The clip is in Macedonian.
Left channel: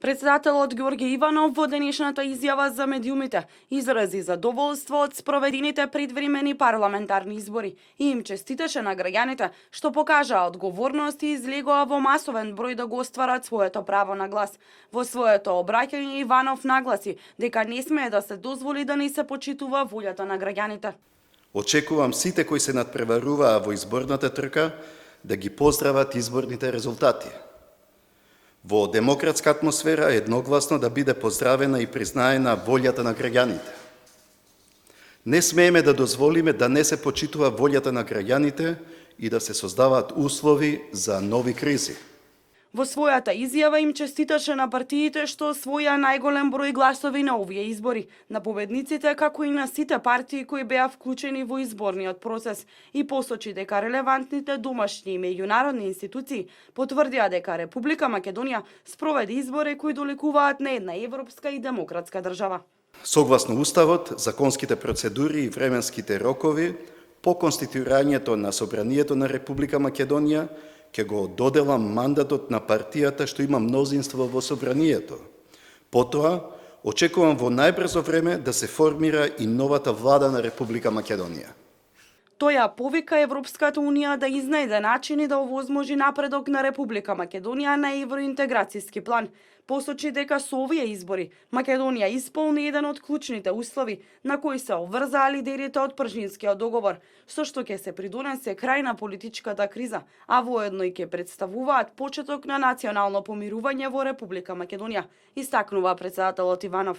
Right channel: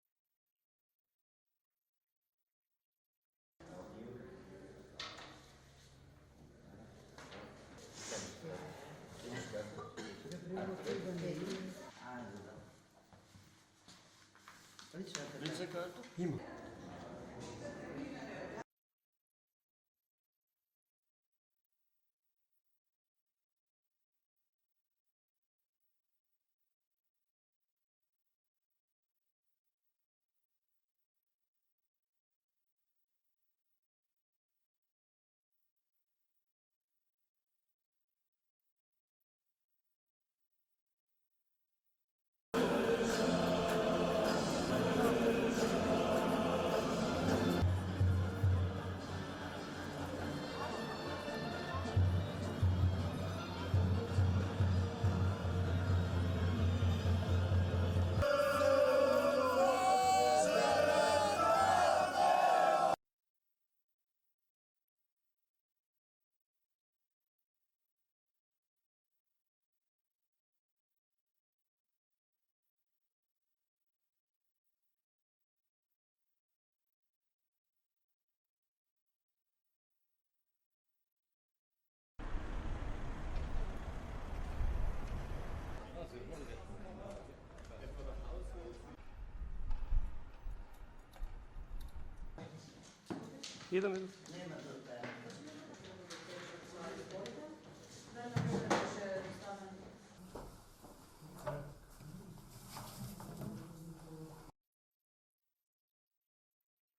Председателот Ѓорѓе Иванов во денешната изјава за медиумите изрази задоволство од спроведените предвремени парламентарни избори и им честиташе на граѓаните што покажаа одговорност и излегоа во масовен број да го остварат своето право на глас. Во своето обраќање Иванов нагласи дека не смее да се дозволи да не се почитува волјата на граѓаните. Очекувам сите кои се надпреваруваа во изборната трка да ги поздрават изборните резултати. Во демократска атмосфера едногласно да биде поздравена и признаена волјата на граѓаните. Не смееме да дозволиме да не се почитува волјата на граѓаните и да се создаваат услови за нови кризи. Во својата изјава им честиташе на партиите што освоја најголем број гласови на овие избори, на победниците како и на сите партии кои беа вклучени во изборниот процес и посочи дека релевантните домашни и меѓународни институции потврдија дека Република Македонија спроведе избори кои доликуваат на една европска и демократска држава. Согласно Уставот, законските процедури и временските рокови, по конституирањето на Собранието на Република Македонија, ќе го доделам мандатот на партијата што има мнозинство во Собранието. Потоа, очекувам во најбрзо време да се формира и новата влада на Република Македонија. Тој ја повика Европската Унија да изнајде начини да овозможи напредок на Република Македонија на евроинтеграцијски план. Посочи дека со овие избори Македонија исполни еден од клучните услови на кои се обврзаа лидерите од Пржинскиот договор, со што ќе се придонесе крај на политичката криза, а воедно и ќе представуваат почеток на национално помирување во Република Македонија, истакнува председателот Иванов.